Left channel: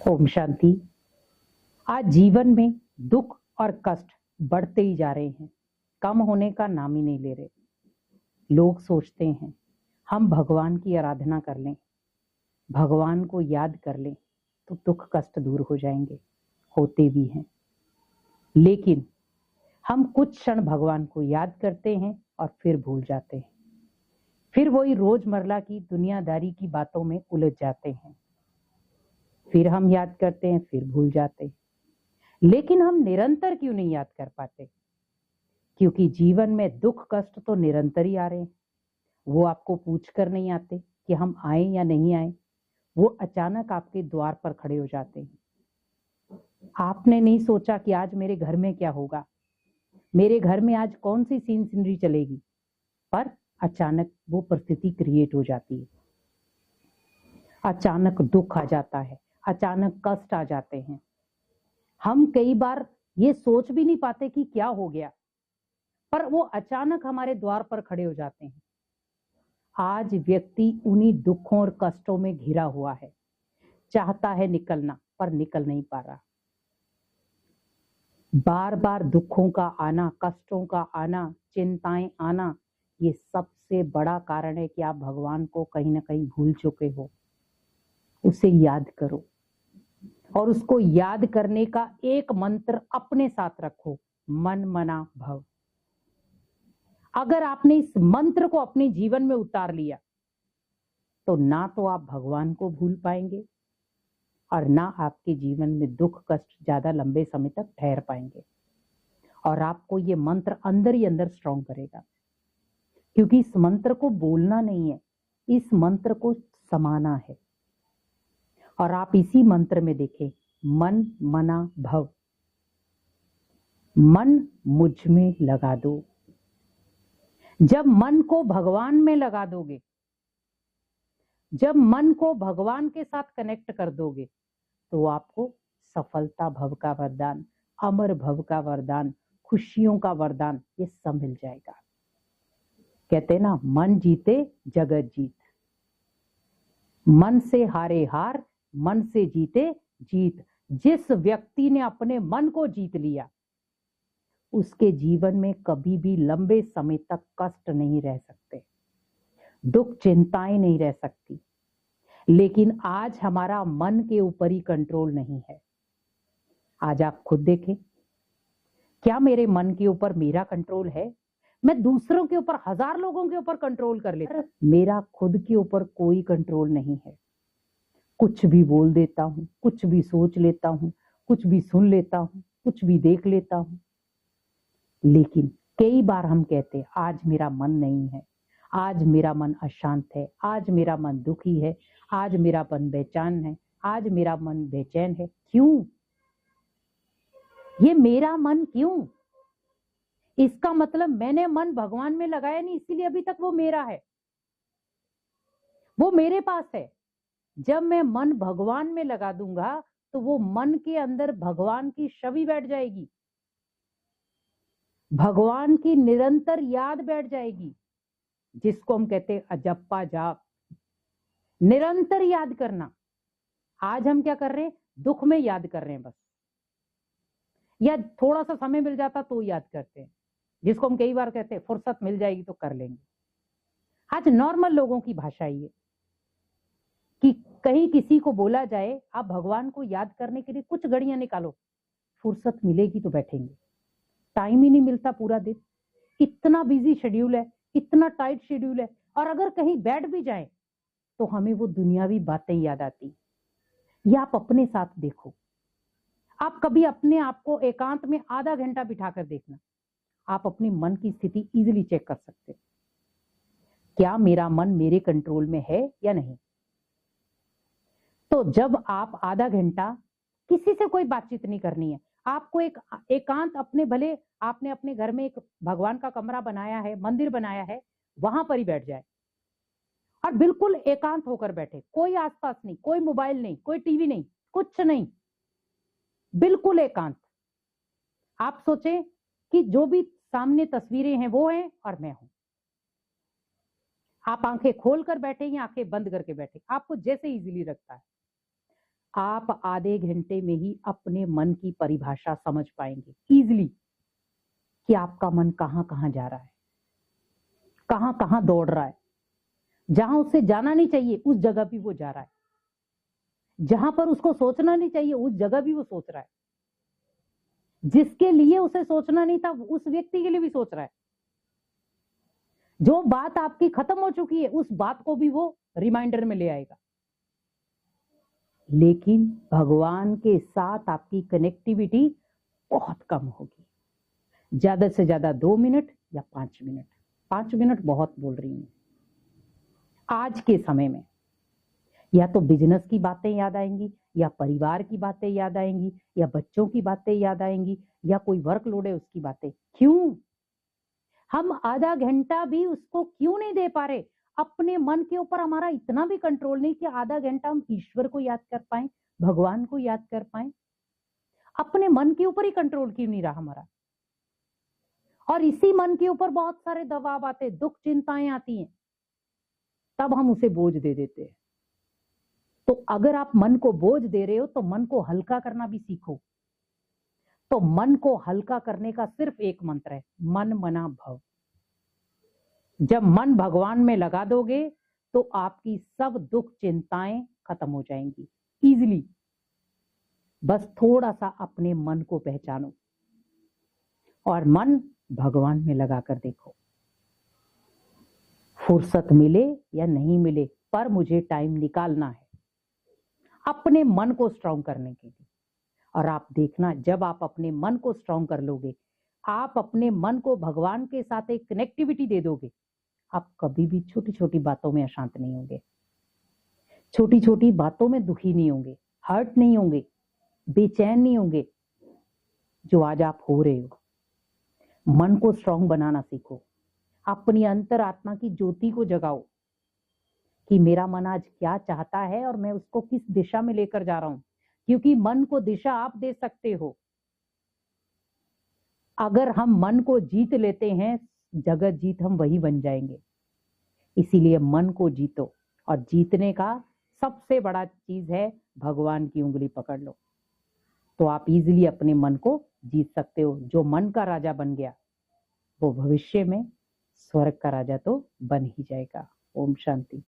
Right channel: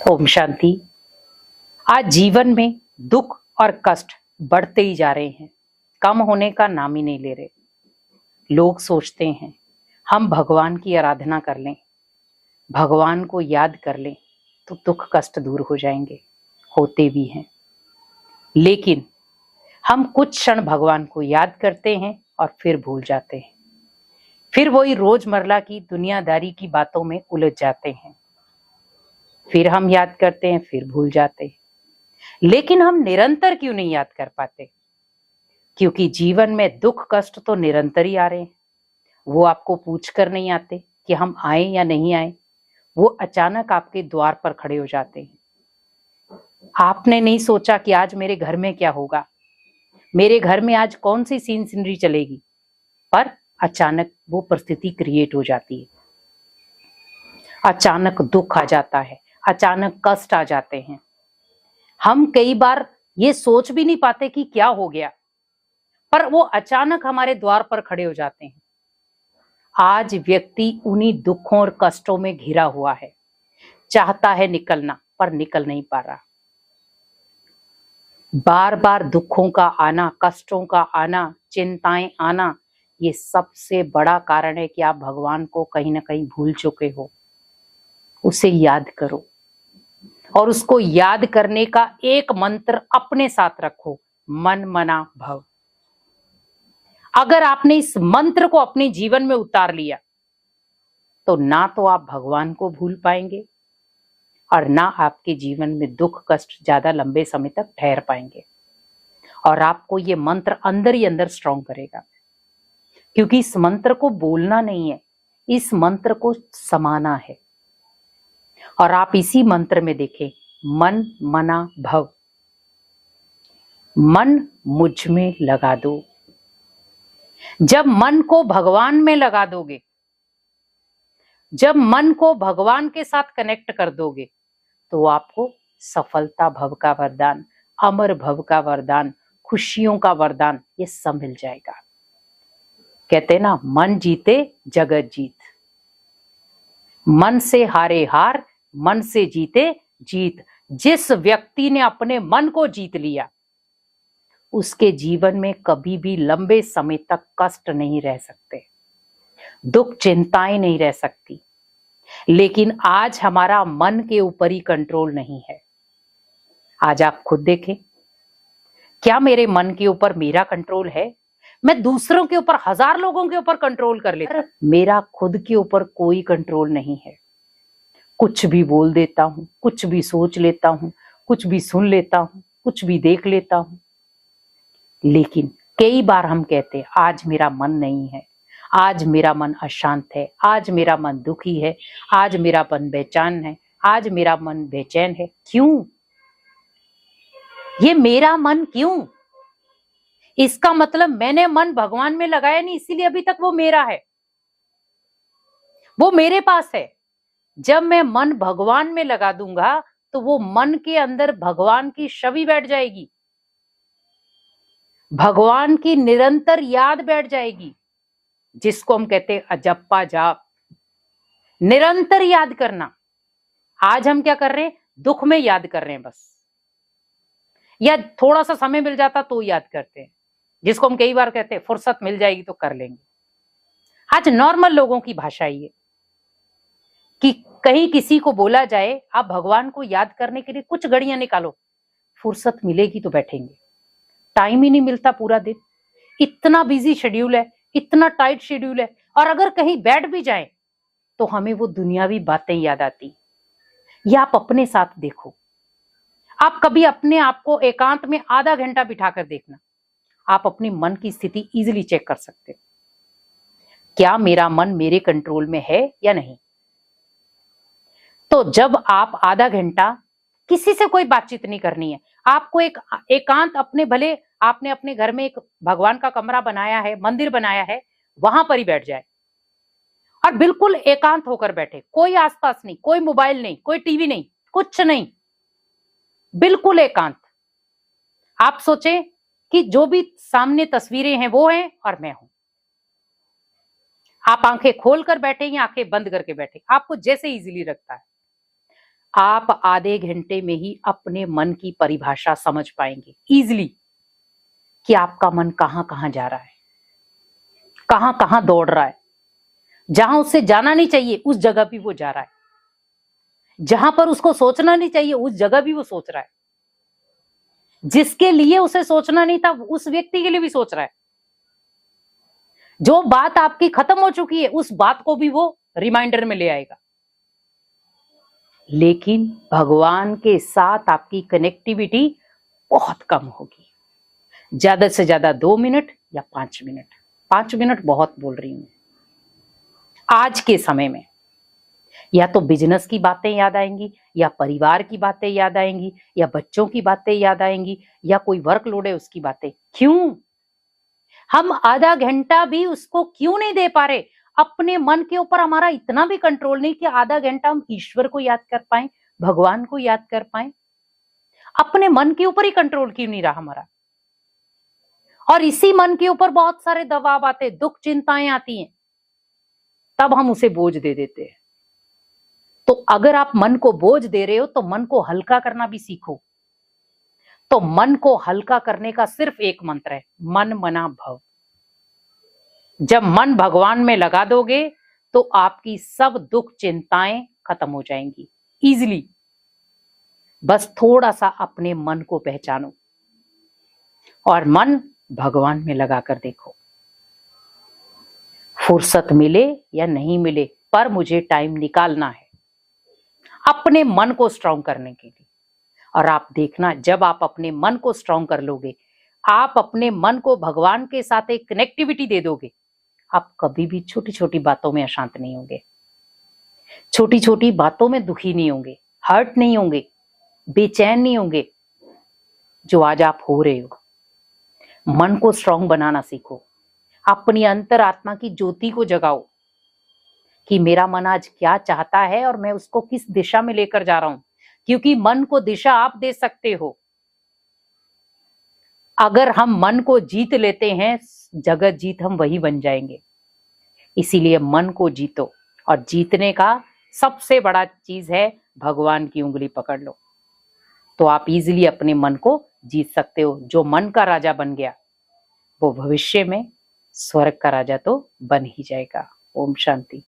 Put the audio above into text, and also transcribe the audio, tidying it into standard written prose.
ओम शांति। आज जीवन में दुख और कष्ट बढ़ते ही जा रहे हैं, कम होने का नाम ही नहीं ले रहे। लोग सोचते हैं हम भगवान की आराधना कर लें, भगवान को याद कर लें तो दुख कष्ट दूर हो जाएंगे, होते भी हैं। लेकिन हम कुछ क्षण भगवान को याद करते हैं और फिर भूल जाते हैं, फिर वही रोजमर्रा की दुनियादारी की बातों में उलझ जाते हैं। फिर हम याद करते हैं, फिर भूल जाते हैं। लेकिन हम निरंतर क्यों नहीं याद कर पाते? क्योंकि जीवन में दुख कष्ट तो निरंतर ही आ रहे हैं। वो आपको पूछ कर नहीं आते कि हम आए या नहीं आए, वो अचानक आपके द्वार पर खड़े हो जाते हैं। आपने नहीं सोचा कि आज मेरे घर में क्या होगा, मेरे घर में आज कौन सी सीनरी चलेगी, पर अचानक वो परिस्थिति क्रिएट हो जाती है। अचानक दुख आ जाता है, अचानक कष्ट आ जाते हैं। हम कई बार ये सोच भी नहीं पाते कि क्या हो गया, पर वो अचानक हमारे द्वार पर खड़े हो जाते हैं। आज व्यक्ति उन्हीं दुखों और कष्टों में घिरा हुआ है, चाहता है निकलना पर निकल नहीं पा रहा। बार बार दुखों का आना, कष्टों का आना, चिंताएं आना, ये सबसे बड़ा कारण है कि आप भगवान को कहीं ना कहीं भूल चुके हो। उसे याद करो और उसको याद करने का एक मंत्र अपने साथ रखो, मन मना भव। अगर आपने इस मंत्र को अपने जीवन में उतार लिया तो ना तो आप भगवान को भूल पाएंगे और ना आपके जीवन में दुख कष्ट ज्यादा लंबे समय तक ठहर पाएंगे। और आपको ये मंत्र अंदर ही अंदर स्ट्रॉन्ग करेगा, क्योंकि इस मंत्र को बोलना नहीं है, इस मंत्र को समाना है। और आप इसी मंत्र में देखें, मन मना भव। मन मुझ में लगा दो। जब मन को भगवान में लगा दोगे, जब मन को भगवान के साथ कनेक्ट कर दोगे, तो आपको सफलता भव का वरदान, अमर भव का वरदान, खुशियों का वरदान, ये सब मिल जाएगा। कहते हैं ना, मन जीते जगत जीत। मन से हारे हार, मन से जीते जीत। जिस व्यक्ति ने अपने मन को जीत लिया, उसके जीवन में कभी भी लंबे समय तक कष्ट नहीं रह सकते, दुख चिंताएं नहीं रह सकती। लेकिन आज हमारा मन के ऊपर ही कंट्रोल नहीं है। आज आप खुद देखें, क्या मेरे मन के ऊपर मेरा कंट्रोल है? मैं दूसरों के ऊपर, हजार लोगों के ऊपर कंट्रोल कर लेता हूं, मेरा खुद के ऊपर कोई कंट्रोल नहीं है। कुछ भी बोल देता हूं, कुछ भी सोच लेता हूं, कुछ भी सुन लेता हूं, कुछ भी देख लेता हूं। लेकिन कई बार हम कहते हैं आज मेरा मन नहीं है, आज मेरा मन अशांत है, आज मेरा मन दुखी है, आज मेरा मन बेचैन है, आज मेरा मन बेचैन है। क्यों? ये मेरा मन क्यों? इसका मतलब मैंने मन भगवान में लगाया नहीं, इसीलिए अभी तक वो मेरा है, वो मेरे पास है। जब मैं मन भगवान में लगा दूंगा तो वो मन के अंदर भगवान की छवि बैठ जाएगी, भगवान की निरंतर याद बैठ जाएगी, जिसको हम कहते हैं अजप्पा जाप, निरंतर याद करना। आज हम क्या कर रहे हैं? दुख में याद कर रहे हैं बस, या थोड़ा सा समय मिल जाता तो याद करते हैं, जिसको हम कई बार कहते हैं फुर्सत मिल जाएगी तो कर लेंगे। आज नॉर्मल लोगों की भाषा ये कि कहीं किसी को बोला जाए आप भगवान को याद करने के लिए कुछ घड़ियां निकालो, फुर्सत मिलेगी तो बैठेंगे। टाइम ही नहीं मिलता पूरा दिन, इतना बिजी शेड्यूल है, इतना टाइट शेड्यूल है। और अगर कहीं बैठ भी जाए तो हमें वो दुनियावी बातें याद आती। या आप अपने साथ देखो, आप कभी अपने आप को एकांत में आधा घंटा बिठाकर देखना, आप अपनी मन की स्थिति इजीली चेक कर सकते हो। क्या मेरा मन मेरे कंट्रोल में है या नहीं? तो जब आप आधा घंटा, किसी से कोई बातचीत नहीं करनी है, आपको एक एकांत, अपने भले आपने अपने घर में एक भगवान का कमरा बनाया है, मंदिर बनाया है, वहां पर ही बैठ जाए और बिल्कुल एकांत होकर बैठे, कोई आसपास नहीं, कोई मोबाइल नहीं, कोई टीवी नहीं, कुछ नहीं, बिल्कुल एकांत। आप सोचें कि जो भी सामने तस्वीरें हैं वो हैं और मैं हूं। आप आंखें खोलकर बैठे या आंखें बंद करके बैठे, आपको जैसे इजीली लगता है। आप आधे घंटे में ही अपने मन की परिभाषा समझ पाएंगे इजीली कि आपका मन कहां कहां जा रहा है, कहां कहां दौड़ रहा है। जहां उससे जाना नहीं चाहिए उस जगह भी वो जा रहा है, जहां पर उसको सोचना नहीं चाहिए उस जगह भी वो सोच रहा है, जिसके लिए उसे सोचना नहीं था उस व्यक्ति के लिए भी सोच रहा है। जो बात आपकी खत्म हो चुकी है उस बात को भी वो रिमाइंडर में ले आएगा। लेकिन भगवान के साथ आपकी कनेक्टिविटी बहुत कम होगी। ज्यादा से ज्यादा 2 मिनट या 5 मिनट। 5 मिनट बहुत बोल रही हूं। आज के समय में या तो बिजनेस की बातें याद आएंगी, या परिवार की बातें याद आएंगी, या बच्चों की बातें याद आएंगी, या कोई वर्कलोड है उसकी बातें। क्यों हम आधा घंटा भी उसको क्यों नहीं दे पा रहे? अपने मन के ऊपर हमारा इतना भी कंट्रोल नहीं कि आधा घंटा हम ईश्वर को याद कर पाए, भगवान को याद कर पाए। अपने मन के ऊपर ही कंट्रोल क्यों नहीं रहा हमारा? और इसी मन के ऊपर बहुत सारे दबाव आते, दुख चिंताएं आती हैं, तब हम उसे बोझ दे देते हैं। तो अगर आप मन को बोझ दे रहे हो तो मन को हल्का करना भी सीखो। तो मन को हल्का करने का सिर्फ एक मंत्र है, मन मना भव। जब मन भगवान में लगा दोगे तो आपकी सब दुख चिंताएं खत्म हो जाएंगी इजीली। बस थोड़ा सा अपने मन को पहचानो और मन भगवान में लगा कर देखो। फुर्सत मिले या नहीं मिले, पर मुझे टाइम निकालना है अपने मन को स्ट्रांग करने के लिए। और आप देखना, जब आप अपने मन को स्ट्रांग कर लोगे, आप अपने मन को भगवान के साथ एक कनेक्टिविटी दे दोगे, आप कभी भी छोटी छोटी बातों में अशांत नहीं होंगे, छोटी छोटी बातों में दुखी नहीं होंगे, हर्ट नहीं होंगे, बेचैन नहीं होंगे जो आज आप हो रहे हो। मन को स्ट्रांग बनाना सीखो, अपनी अंतर आत्मा की ज्योति को जगाओ कि मेरा मन आज क्या चाहता है और मैं उसको किस दिशा में लेकर जा रहा हूं। क्योंकि मन को दिशा आप दे सकते हो। अगर हम मन को जीत लेते हैं, जगत जीत हम वही बन जाएंगे। इसीलिए मन को जीतो, और जीतने का सबसे बड़ा चीज है भगवान की उंगली पकड़ लो, तो आप इजीली अपने मन को जीत सकते हो। जो मन का राजा बन गया वो भविष्य में स्वर्ग का राजा तो बन ही जाएगा। ओम शांति।